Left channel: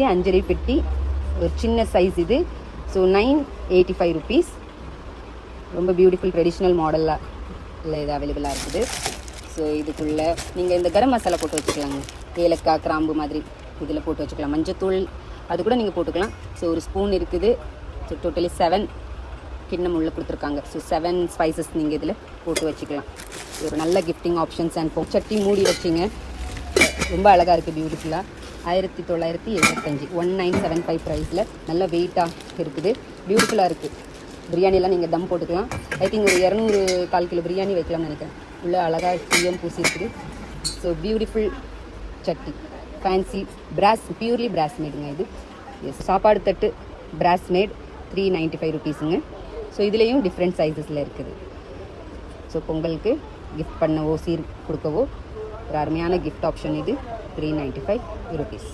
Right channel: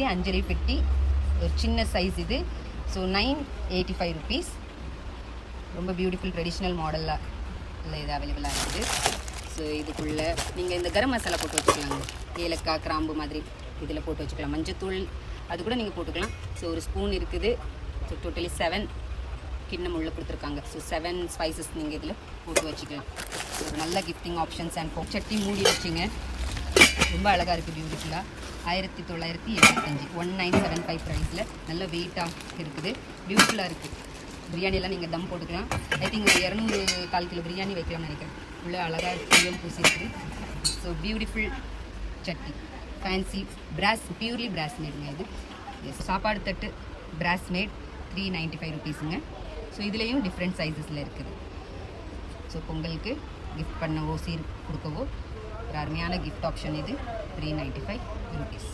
அரிசி அஞ்சலி பெட்டி ஒரு சின்ன சைஸ் இது. So 985 rupees. ரொம்ப பியூட்டிஃபுல் ட்ரெடிஷ்னல் மாடலாக இல்லை இது அவைலபிளாக இருக்குது. ஸோ இதுக்குள்ளே நீங்கள் இந்த கரம் மசாலா போட்டு வச்சுக்கலாங்க. ஏலக்காய் கிராம்பு மாதிரி இதில் போட்டு வச்சுக்கலாம். மஞ்சத்தூள் அது கூட நீங்கள் போட்டுக்கலாம். ஸோ ஒரு ஸ்பூன் இருக்குது. ஸோ டோட்டலி 7 கிண்ணம் உள்ள கொடுத்துருக்காங்க. ஸோ 7 ஸ்பைசஸ் நீங்கள் இதில் போட்டு வச்சுக்கலாம். ஒரு நல்ல கிஃப்டிங் ஆப்ஷன்ஸ் அண்ட் சட்டி மூடி வச்சிங்க. ரொம்ப அழகாக இருக்குது பியூட்டிஃபுல்லாக. 1975 1975 ப்ரைஸில் நல்ல வெயிட்டாக இருக்குது. பியூட்டிஃபுல்லாக இருக்குது. பிரியாணியெல்லாம் நீங்கள் தம் போட்டுக்கலாம். ஐ திங்க் ஒரு 200 1/4 கிலோ பிரியாணி வைக்கலாம்னு நினைக்கிறேன். உள்ள அழகாக தீயம் பூசி இருக்குது. ஸோ பியூட்டிஃபுல் சட்டி ஃபேன்சி பிராஸ் பியூர்லி பிராஸ் மேடுங்க இது. எஸ் சாப்பாடு தட்டு பிராஸ் மேட் 395 ருபீஸுங்க. ஸோ இதுலேயும் டிஃப்ரெண்ட் சைஸஸில் இருக்குது. ஸோ பொங்கலுக்கு கிஃப்ட் பண்ணவோ சீர் கொடுக்கவோ ஒரு அருமையான கிஃப்ட் ஆப்ஷன் இது. 395 ருபீஸ்.